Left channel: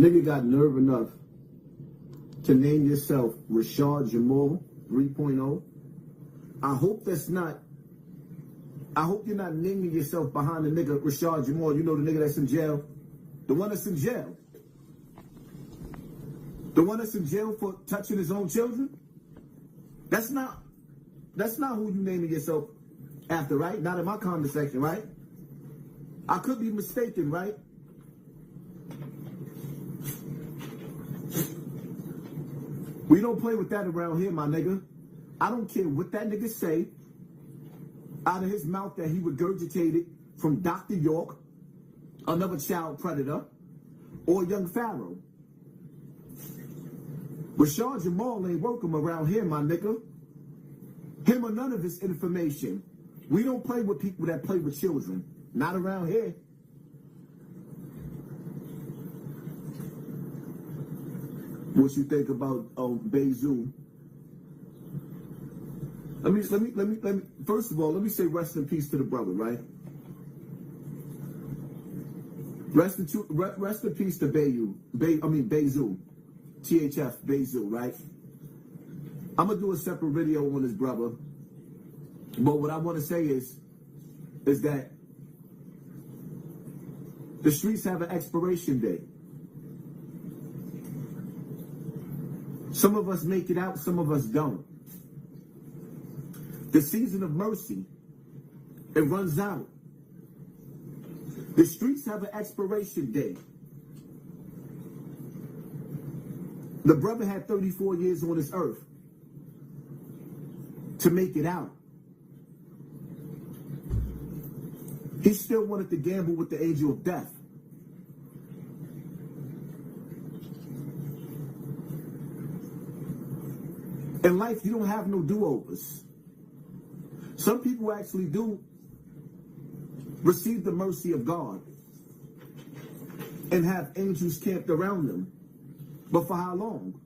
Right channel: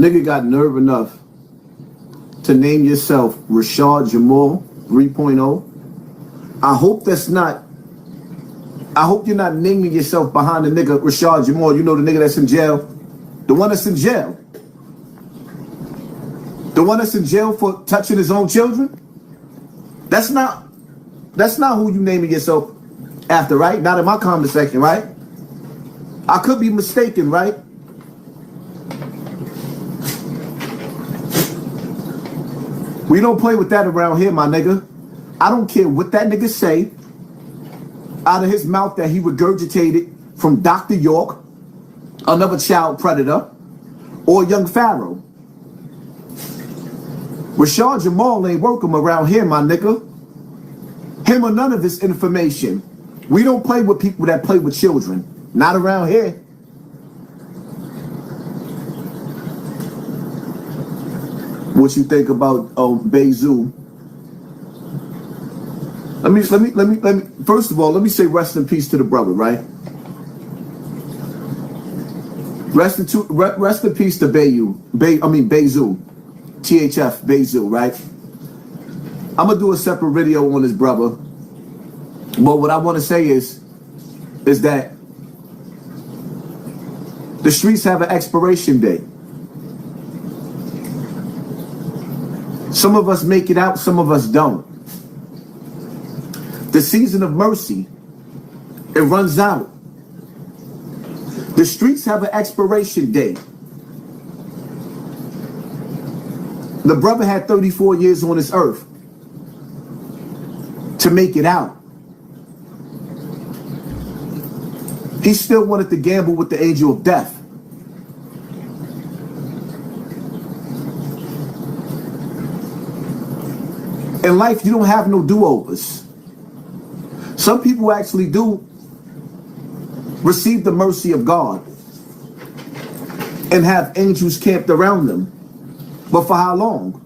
Nigga got nerve enough to name yourself Rashad Jamal 3.0. I hope you're not naming yourself behind the nigga Rashad Jamal. You know, the nigga that's in jail? The one that's in jail. The one that's in jail for touching his own children? That's not who you naming yourself after, right? Not in my comment section, right? I could be mistaken, right? We don't play with that around here, my nigga. I don't care what that nigga say out of his mouth that he regurgitated from Dr. York, another child predator, or Young Pharaoh. Rashad Jamal ain't welcome around here, my nigga. Him or none of his information. We don't play with people that play with children. Not around here. What you think about Bezu? Let me. First of all, let me say rest in peace to the brother, right? Rest in peace to Bezu, THF Bezu, right? I'm gonna do a separate video on his brother, but what I want to say is that the streets have an expiration date. Some of us make it out, some of us don't. The season of mercy, it runs out. The streets have an expiration date. The brother had 34 years on this earth to make it out. He still wanted to gamble with the angel of death. In life, you don't have no do-overs. Some people actually do receive the mercy of God and have angels camped around them. But for how long?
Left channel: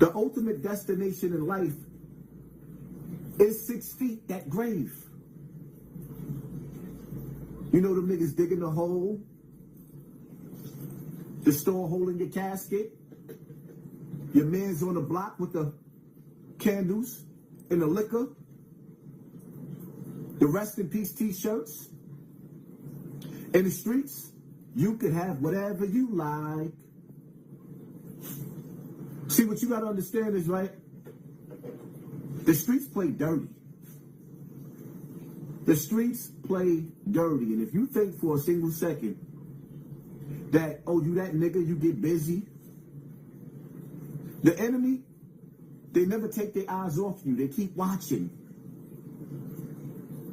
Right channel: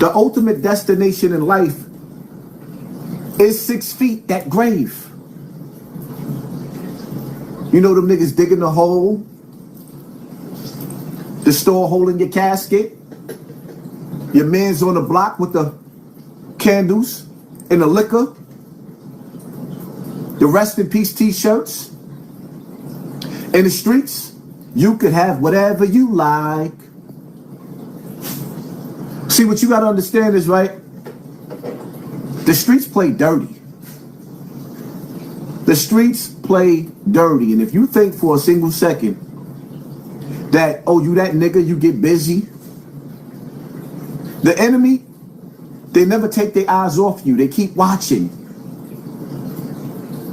The ultimate destination in life is 6 feet, that grave. You know them niggas digging the hole, the store holding your casket, your man's on the block with the candles and the liquor, the rest in peace t-shirts. In the streets, you could have whatever you like. See, what you gotta understand is, right, the streets play dirty. The streets play dirty. And if you think for a single second that, oh, you that nigga, you get busy, the enemy, they never take their eyes off you. They keep watching.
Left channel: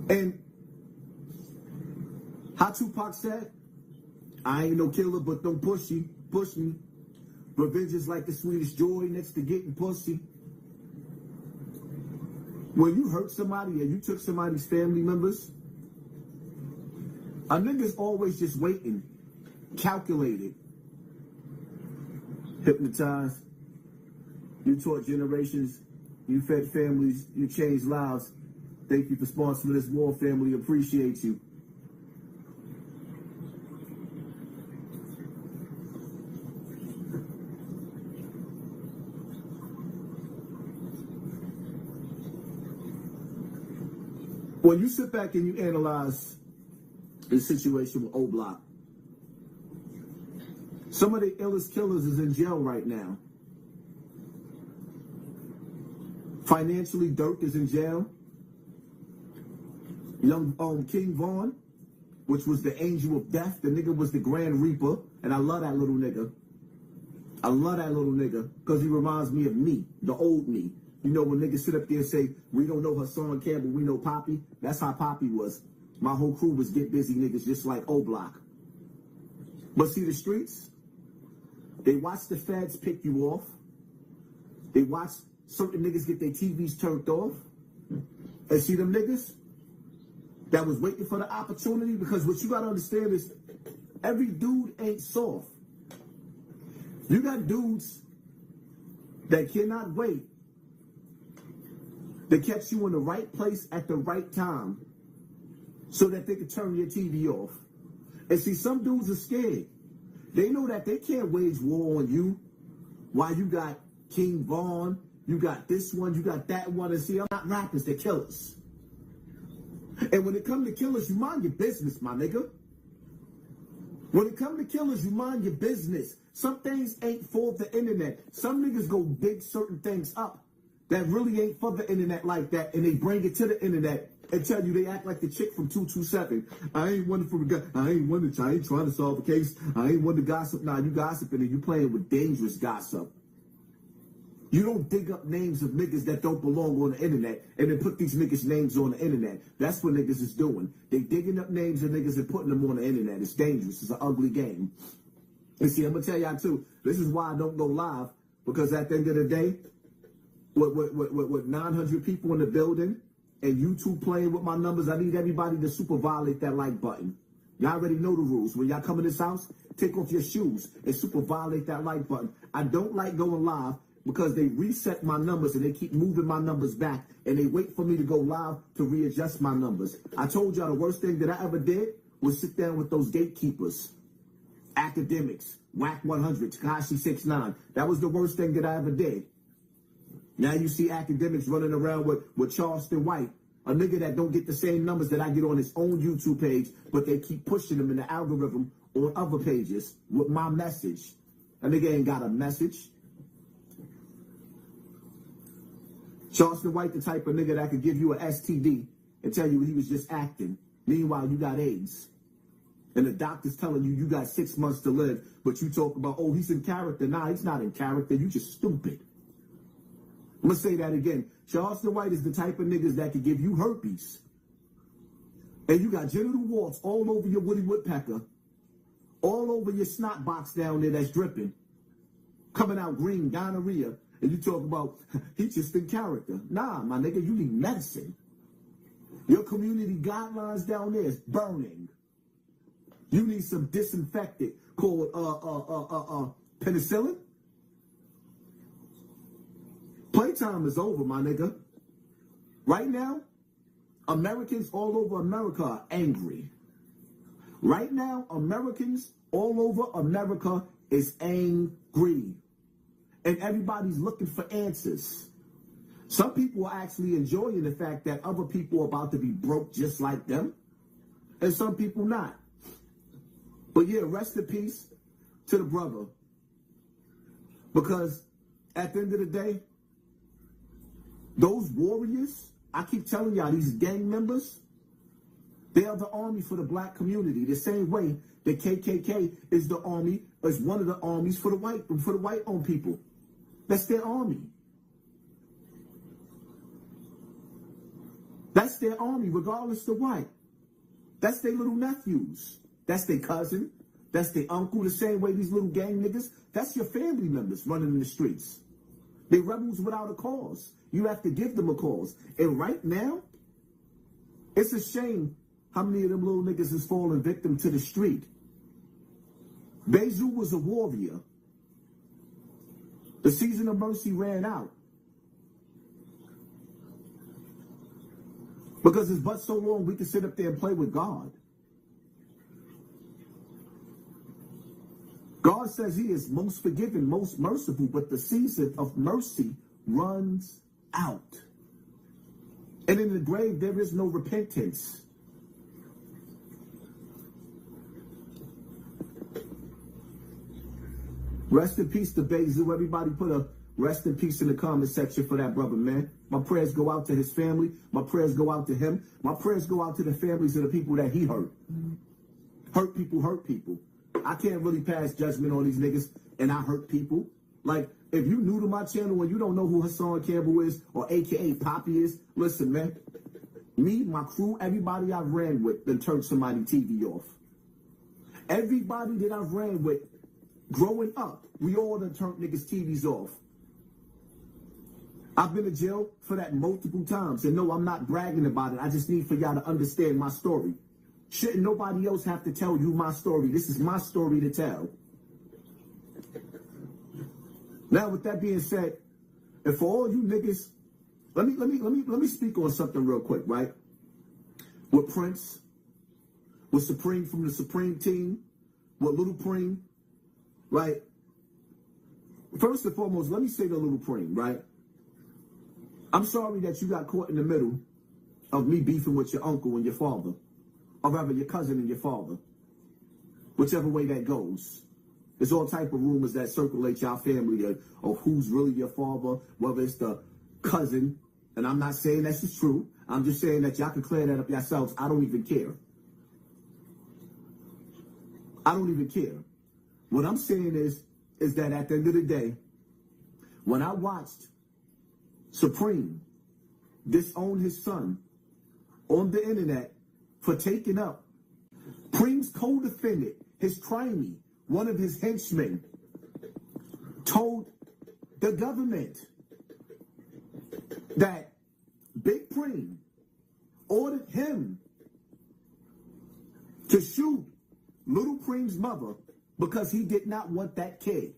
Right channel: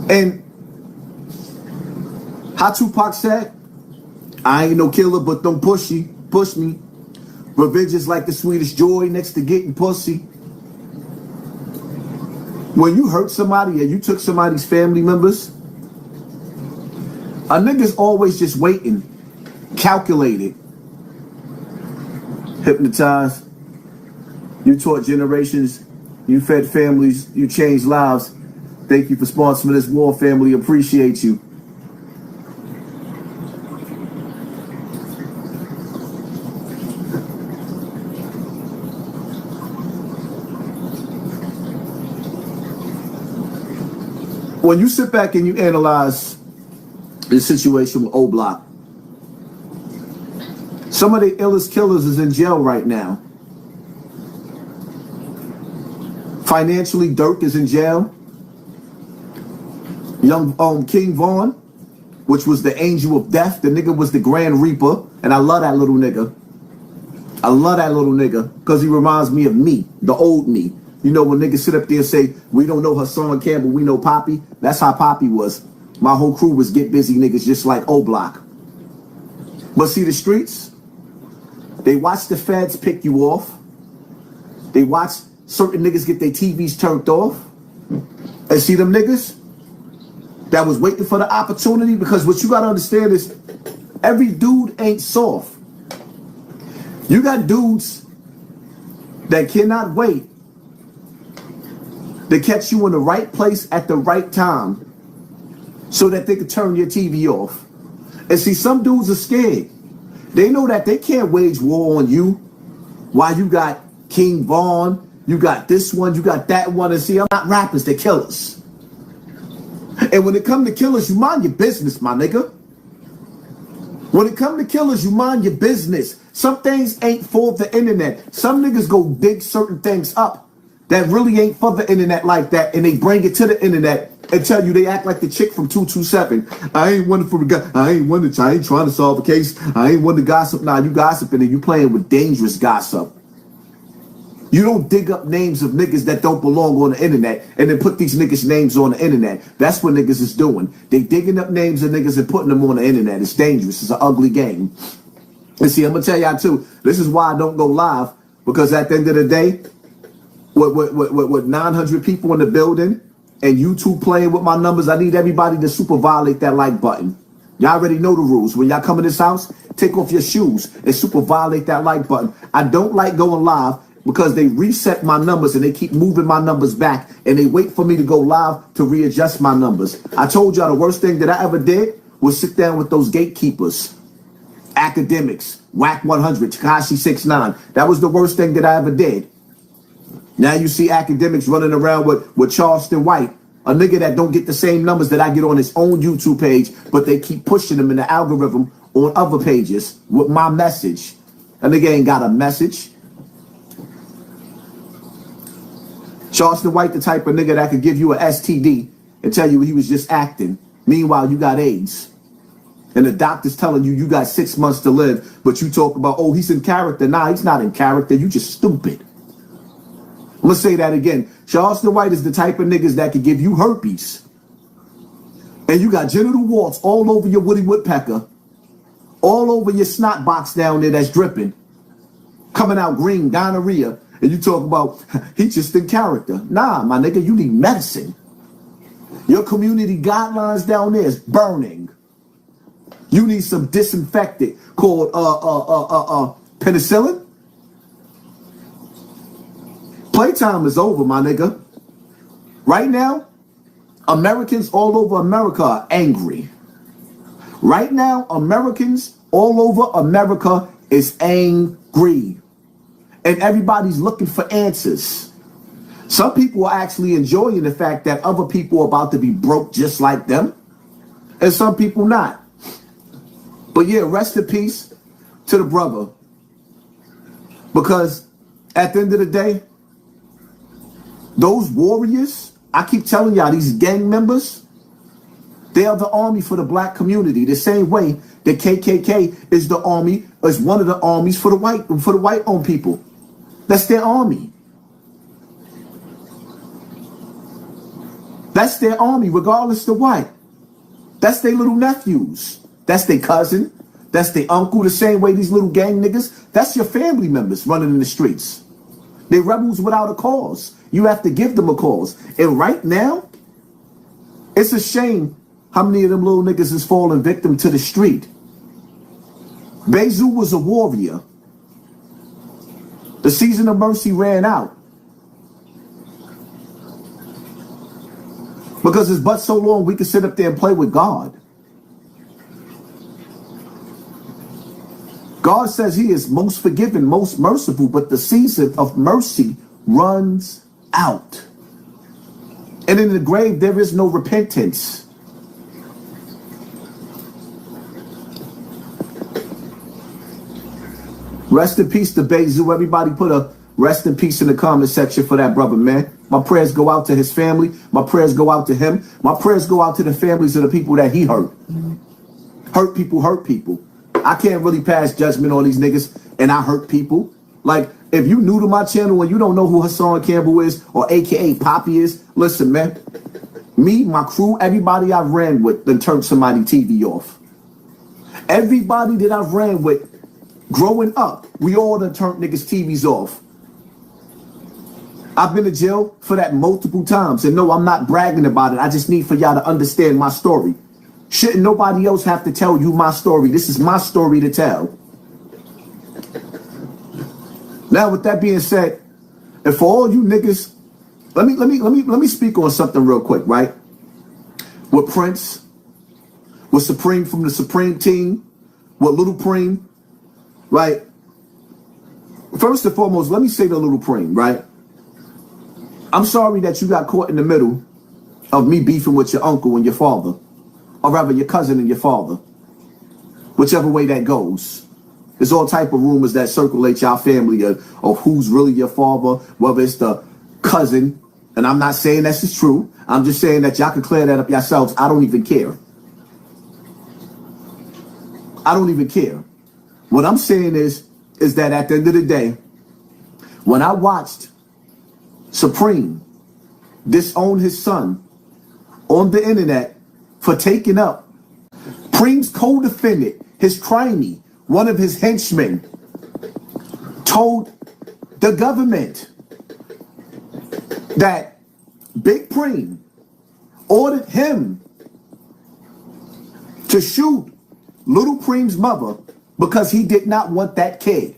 And how Tupac said, I ain't no killer, but don't push me. Revenge is like the sweetest joy next to getting pussy. When you hurt somebody and you took somebody's family members, a nigga's always just waiting, calculated, hypnotized. You taught generations, you fed families, you changed lives. Thank you for sponsoring this war, family. Appreciate you. When you sit back and you analyze the situation with O-Block, some of the illest killers is in jail right now. Financially, Dirk is in jail. Young King Vaughn, which was the angel of death. The nigga was the Grand Reaper. And I love that little nigga. I love that little nigga because he reminds me of me, the old me. You know, when niggas sit up there and say, we don't know Hassan Campbell, we know Poppy. That's how Poppy was. My whole crew was get busy niggas just like O-Block. But see, the streets, they watch the feds pick you off. They watch certain niggas get their TVs turned off. And see them niggas that was waiting for the opportunity, because what you gotta understand is every dude ain't soft. You got dudes that cannot wait to catch you in the right place at the right time so that they could turn your TV off. And see, some dudes are scared. They know that they can't wage war on you while you got King Vaughn, you got this one, you got that one. And see, I'm not rappers, they're killers. And when it come to killers, you mind your business, my nigga. When it come to killers, you mind your business. Some things ain't for the internet. Some niggas go dig certain things up that really ain't for the internet like that, and they bring it to the internet and tell you they act like the chick from 227. I ain't one for the guy. I ain't trying to solve a case. I ain't one to gossip. Nah, you gossiping and you playing with dangerous gossip. You don't dig up names of niggas that don't belong on the internet and then put these niggas' names on the internet. That's what niggas is doing. They digging up names of niggas and putting them on the internet. It's dangerous. It's an ugly game. And see, I'm gonna tell y'all too, this is why I don't go live, because at the end of the day, with 900 people in the building and YouTube playing with my numbers, I need everybody to super violate that like button. Y'all already know the rules. When y'all come in this house, take off your shoes and super violate that like button. I don't like going live because they reset my numbers and they keep moving my numbers back and they wait for me to go live to readjust my numbers. I told y'all the worst thing that I ever did was sit down with those gatekeepers. Academics, Whack 100, Tekashi 69. That was the worst thing that I ever did. Now you see academics running around with Charleston White, a nigga that don't get the same numbers that I get on his own YouTube page, but they keep pushing him in the algorithm on other pages with my message. A nigga ain't got a message. Charleston White, the type of nigga that could give you an STD and tell you he was just acting. Meanwhile, you got AIDS. And the doctor's telling you got 6 months to live, but you talk about, oh, he's in character. Nah, he's not in character. You just stupid. I'm going to say that again. Charleston White is the type of niggas that could give you herpes. And you got genital warts all over your Woody Woodpecker, all over your snot box down there that's dripping, coming out green, gonorrhea. And you talk about, he's just in character. Nah, my nigga, you need medicine. Your community guidelines down there is burning. You need some disinfectant called penicillin. Playtime is over, my nigga. Right now, Americans all over America are angry. Right now, Americans all over America is angry. And everybody's looking for answers. Some people are actually enjoying the fact that other people are about to be broke just like them. And some people not. But yeah, rest in peace to the brother. Because at the end of the day, those warriors, I keep telling y'all, these gang members, they are the army for the black community. The same way the KKK is the army, is one of the armies for the white-owned people. That's their army. That's their army, regardless of what. That's their little nephews. That's their cousin. That's their uncle. The same way these little gang niggas, that's your family members running in the streets. They're rebels without a cause. You have to give them a cause. And right now, it's a shame how many of them little niggas is falling victim to the street. Bezu was a warrior. The season of mercy ran out. Because it's but so long we can sit up there and play with God. God says he is most forgiving, most merciful, but the season of mercy runs out. And in the grave, there is no repentance. Rest in peace to Bezu. Everybody put a rest in peace in the comment section for that brother, man. My prayers go out to his family. My prayers go out to him. My prayers go out to the families of the people that he hurt. Hurt people hurt people. I can't really pass judgment on these niggas, and I hurt people. Like, if you new to my channel and you don't know who Hassan Campbell is, or AKA Poppy is, listen, man. Me, my crew, everybody I've ran with done turned somebody TV off. Everybody that I've ran with growing up, we all done turned niggas TVs off. I've been to jail for that multiple times. And no, I'm not bragging about it. I just need for y'all to understand my story. Shouldn't nobody else have to tell you my story? This is my story to tell. Now, with that being said, and for all you niggas, let me speak on something real quick, right? With Prince, with Supreme from the Supreme team, with Little Preem, right? First and foremost, let me say to Little Preem, right? I'm sorry that you got caught in the middle of me beefing with your uncle and your father, or rather your cousin and your father, whichever way that goes. There's all type of rumors that circulate y'all family of who's really your father, whether it's the cousin, and I'm not saying this is true. I'm just saying that y'all can clear that up yourselves. I don't even care. I don't even care. What I'm saying is that at the end of the day, when I watched Supreme disown his son on the internet for taking up Preem's co-defendant, his crimey, one of his henchmen, told the government that Big Preem ordered him to shoot Little Preem's mother because he did not want that kid.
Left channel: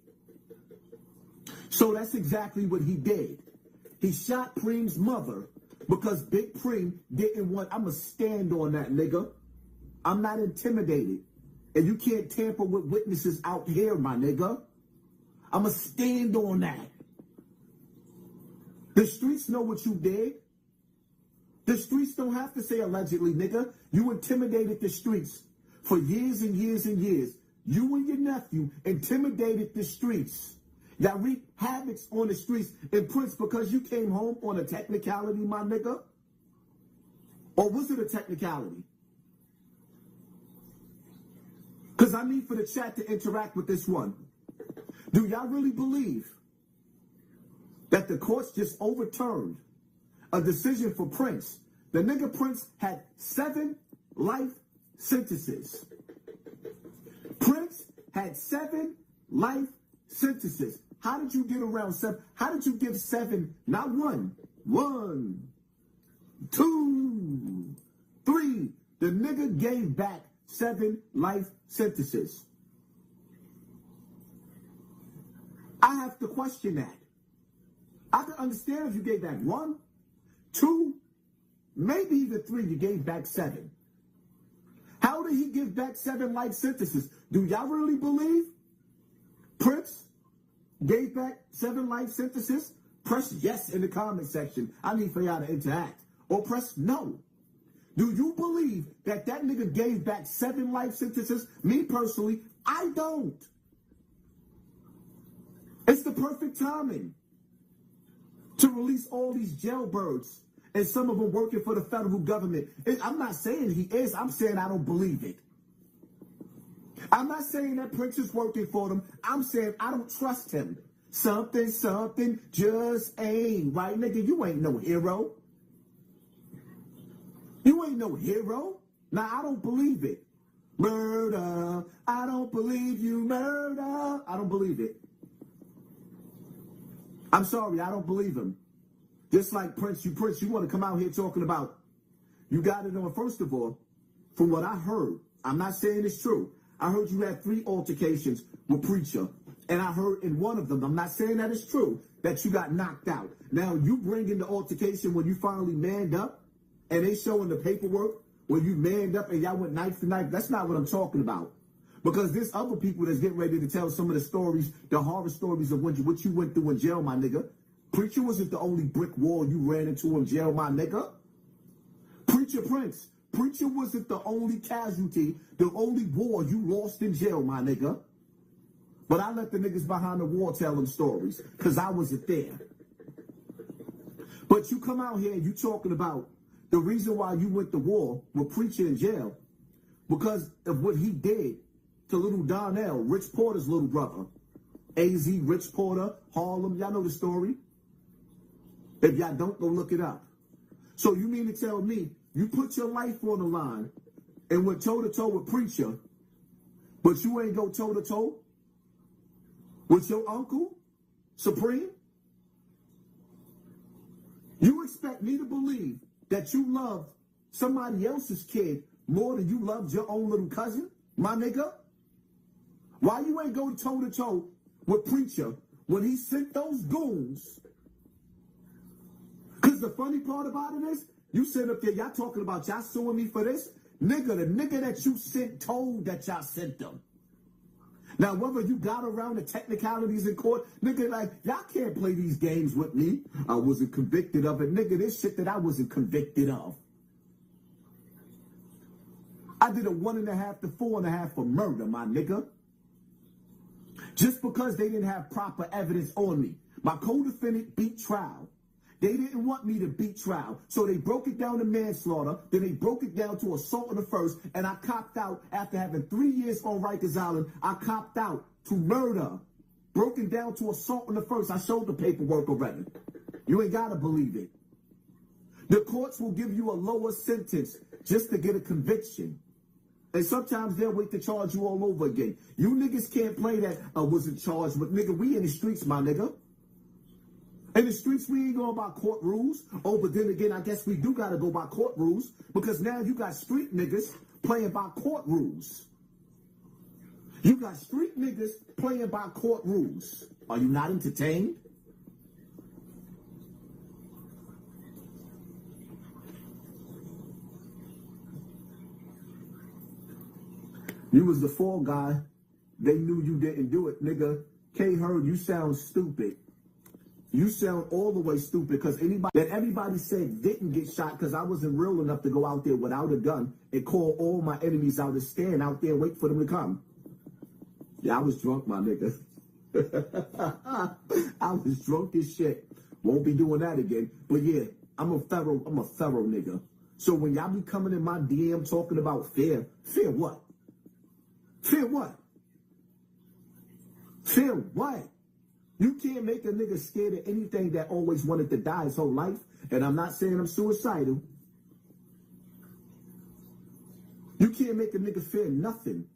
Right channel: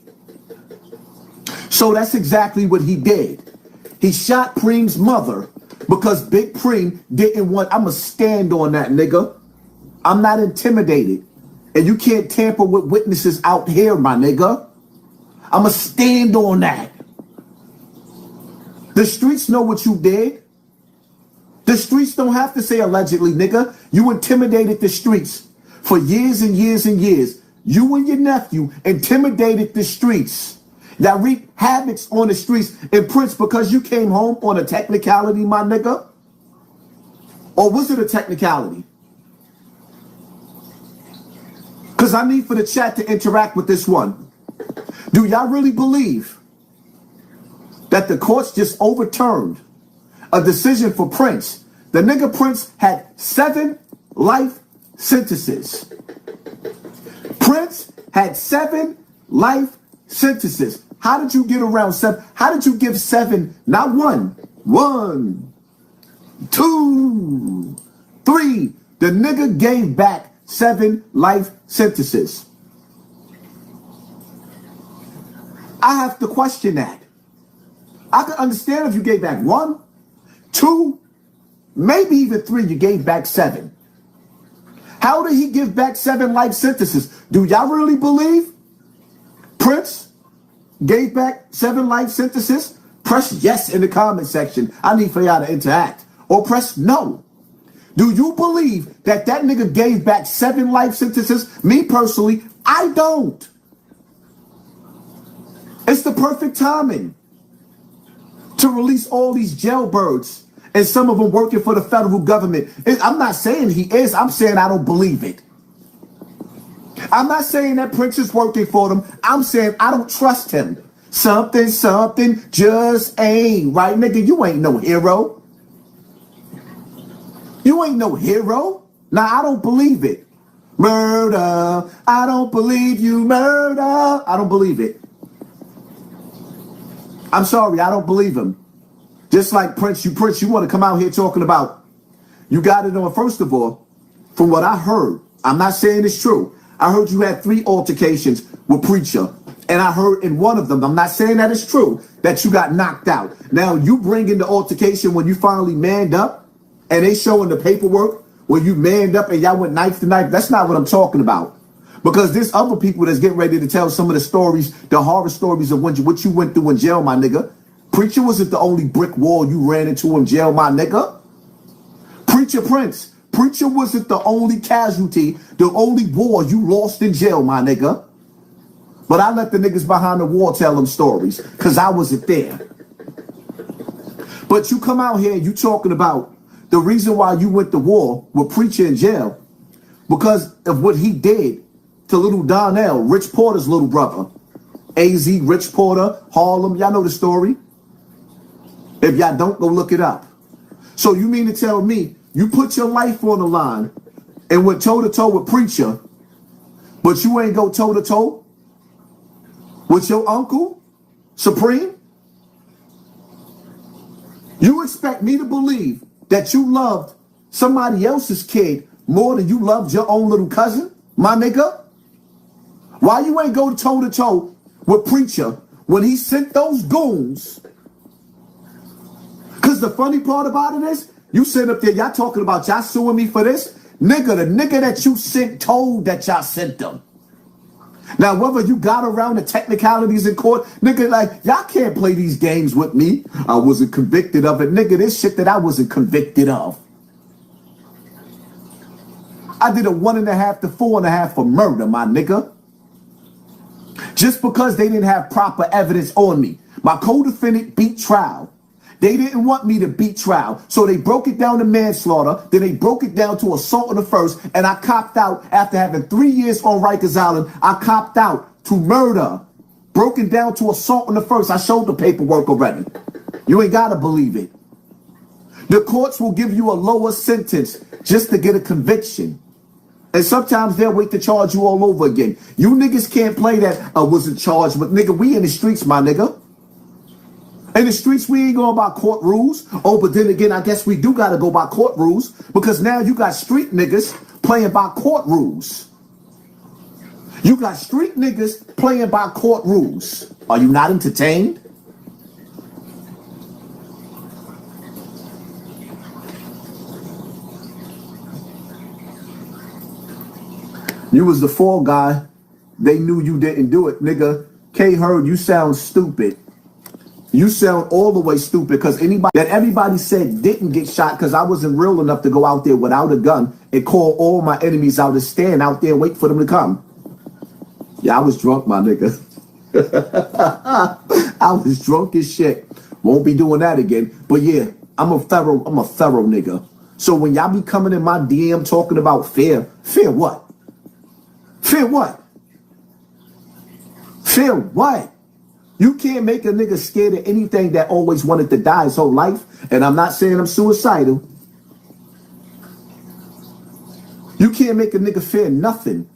So that's exactly what he did. He shot Preem's mother because Big Preem didn't want. I'ma stand on that, nigga. I'm not intimidated. And you can't tamper with witnesses out here, my nigga. I'ma stand on that. The streets know what you did. The streets don't have to say allegedly, nigga. You intimidated the streets for years and years and years. You and your nephew intimidated the streets. That wreaked havocs on the streets. And Prince, because you came home on a technicality, my nigga? Or was it a technicality? Because I need for the chat to interact with this one. Do y'all really believe that the courts just overturned a decision for Prince? The nigga Prince had 7 life sentences. Prince had 7 life sentences. How did you get around 7? How did you give 7? Not 1. 1, 2, 3. The nigga gave back 7 life sentences. I have to question that. I could understand if you gave back 1, 2, maybe even 3. You gave back 7. How did he give back 7 life sentences? Do y'all really believe Prince gave back 7 life sentences? Press yes in the comment section. I need for y'all to interact. Or press no. Do you believe that that nigga gave back 7 life sentences? Me personally, I don't. It's the perfect timing to release all these jailbirds, and some of them working for the federal government. I'm not saying he is. I'm saying I don't believe it. I'm not saying that Prince is working for them. I'm saying I don't trust him. Something just ain't right, nigga. You ain't no hero. You ain't no hero. Now, I don't believe it. Murder. I don't believe you, murder. I don't believe it. I'm sorry, I don't believe him. Just like Prince, you want to come out here talking about, you got it on, first of all, from what I heard, I'm not saying it's true. I heard you had 3 altercations with Preacher. And I heard in one of them, I'm not saying that it's true, that you got knocked out. Now, you bring in the altercation when you finally manned up, and they showing the paperwork where you manned up and y'all went knife to knife. That's not what I'm talking about. Because there's other people that's getting ready to tell some of the stories, the horror stories of what you went through in jail, my nigga. Preacher wasn't the only brick wall you ran into in jail, my nigga. Preacher Prince. Preacher wasn't the only casualty, the only war you lost in jail, my nigga. But I let the niggas behind the wall tell them stories, because I wasn't there. But you come out here and you talking about the reason why you went to war with Preacher in jail, because of what he did to little Donnell, Rich Porter's little brother. AZ, Rich Porter, Harlem, y'all know the story. If y'all don't, go look it up. So you mean to tell me you put your life on the line and went toe-to-toe with Preacher, but you ain't go toe-to-toe with your uncle, Supreme? You expect me to believe that you loved somebody else's kid more than you loved your own little cousin, my nigga? Why you ain't go toe-to-toe with Preacher when he sent those goons? Because the funny part about it is, you sit up there, y'all talking about y'all suing me for this. Nigga, the nigga that you sent told that y'all sent them. Now, whether you got around the technicalities in court, nigga, like, y'all can't play these games with me. I wasn't convicted of it. Nigga, this shit that I wasn't convicted of. I did a 1.5 to 4.5 for murder, my nigga. Just because they didn't have proper evidence on me. My co-defendant beat trial. They didn't want me to beat trial. So they broke it down to manslaughter. Then they broke it down to assault on the first. And I copped out after having 3 years on Rikers Island. I copped out to murder. Broken down to assault on the first. I showed the paperwork already. You ain't got to believe it. The courts will give you a lower sentence just to get a conviction. And sometimes they'll wait to charge you all over again. You niggas can't play that I wasn't charged with. Nigga, we in the streets, my nigga. In the streets, we ain't going by court rules. Oh, but then again, I guess we do got to go by court rules because now you got street niggas playing by court rules. You got street niggas playing by court rules. Are you not entertained? You was the fall guy. They knew you didn't do it. Nigga, K Heard, you sound stupid. You sound all the way stupid because everybody said didn't get shot because I wasn't real enough to go out there without a gun and call all my enemies out to stand out there and wait for them to come. Yeah, I was drunk, my nigga. I was drunk as shit. Won't be doing that again. But yeah, I'm a thorough nigga. So when y'all be coming in my DM talking about fear what? Fear what? Fear what? You can't make a nigga scared of anything that always wanted to die his whole life. And I'm not saying I'm suicidal. You can't make a nigga fear nothing.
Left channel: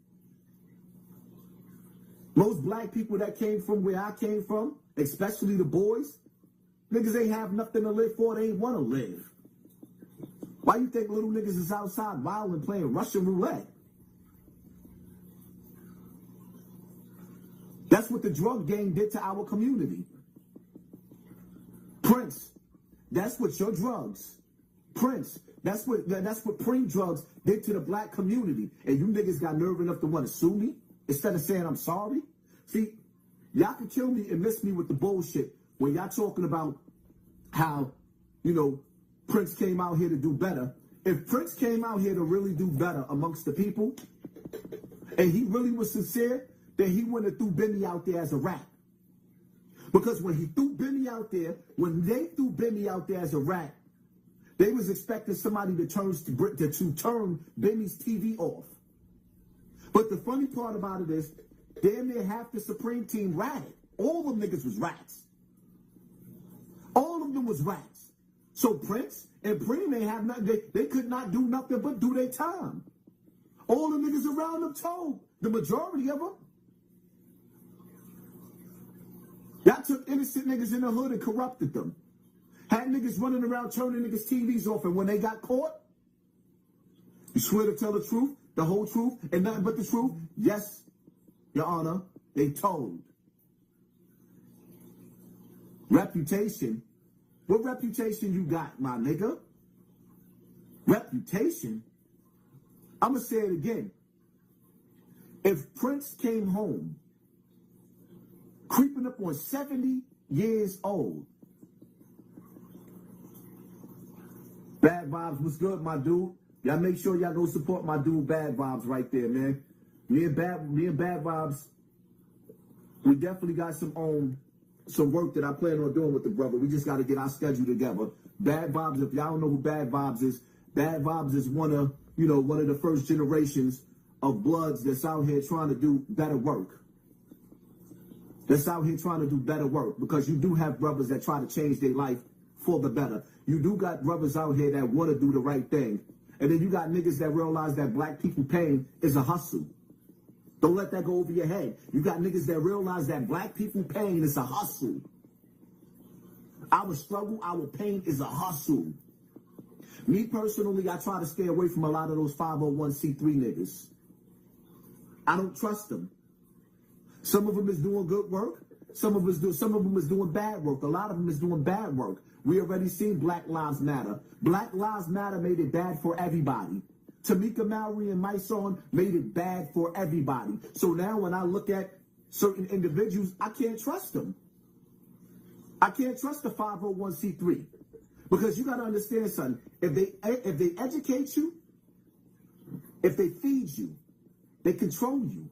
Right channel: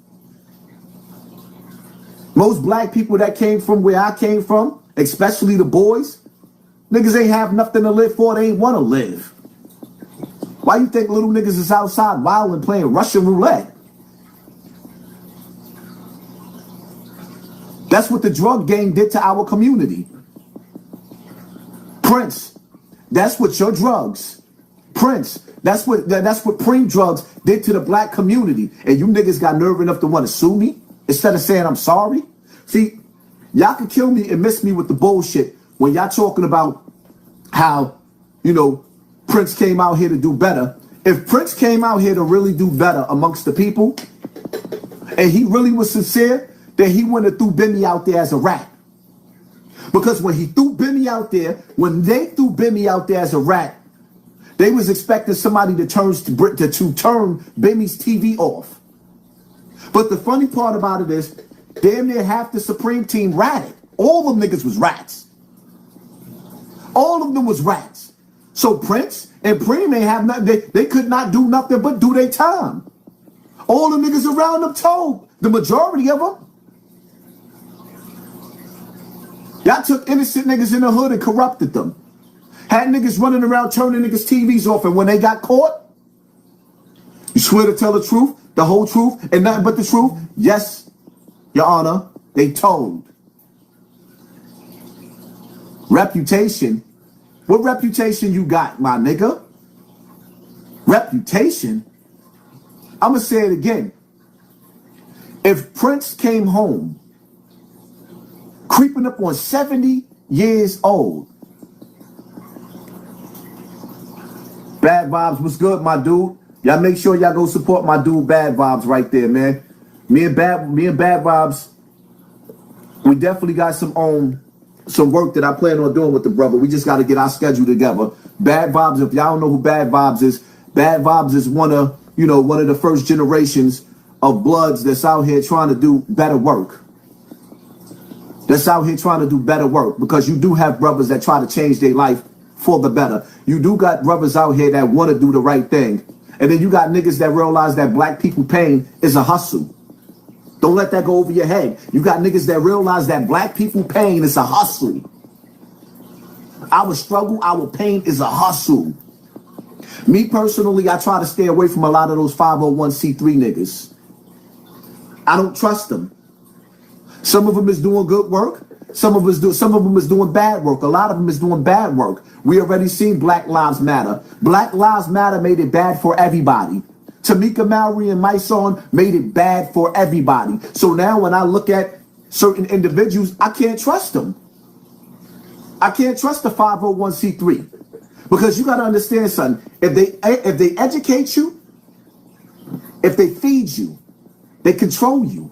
Most black people that came from where I came from, especially the boys, niggas ain't have nothing to live for. They ain't want to live. Why you think little niggas is outside wilding playing Russian roulette? That's what the drug gang did to our community. Prince, that's what your drugs. Prince, that's what Preem drugs did to the black community. And you niggas got nerve enough to want to sue me instead of saying I'm sorry. See, y'all can kill me and miss me with the bullshit when y'all talking about how, you know, Prince came out here to do better. If Prince came out here to really do better amongst the people, and he really was sincere, then he wouldn't have threw Bimmy out there as a rat. Because when he threw Bimmy out there, when they threw Bimmy out there as a rat, they was expecting somebody to turn Bimmy's TV off. But the funny part about it is, damn near half the Supreme team ratted. All them niggas was rats. All of them was rats. So Prince and Preem ain't have nothing. They could not do nothing but do their time. All the niggas around them told, the majority of them. Y'all took innocent niggas in the hood and corrupted them. Had niggas running around turning niggas' TVs off, and when they got caught, you swear to tell the truth, the whole truth, and nothing but the truth? Yes, Your Honor, they told. Reputation? What reputation you got, my nigga? Reputation? I'm gonna say it again. If Prince came home creeping up on 70 years old. Bad Vibes, what's good, my dude? Y'all make sure y'all go support my dude Bad Vibes right there, man. Me and Bad Vibes, we definitely got some work that I plan on doing with the brother. We just got to get our schedule together. Bad Vibes, if y'all don't know who Bad Vibes is one of the first generations of Bloods that's out here trying to do better work. That's out here trying to do better work, because you do have brothers that try to change their life for the better. You do got brothers out here that want to do the right thing. And then you got niggas that realize that black people pain is a hustle. Don't let that go over your head. You got niggas that realize that black people pain is a hustle. Our struggle, our pain is a hustle. Me personally, I try to stay away from a lot of those 501c3 niggas. I don't trust them. Some of them is doing good work. Some of them is doing bad work. A lot of them is doing bad work. We already seen Black Lives Matter. Black Lives Matter made it bad for everybody. Tamika Mallory and Mysonne made it bad for everybody. So now when I look at certain individuals, I can't trust them. I can't trust the 501c3 because you got to understand something. If they educate you, if they feed you, they control you.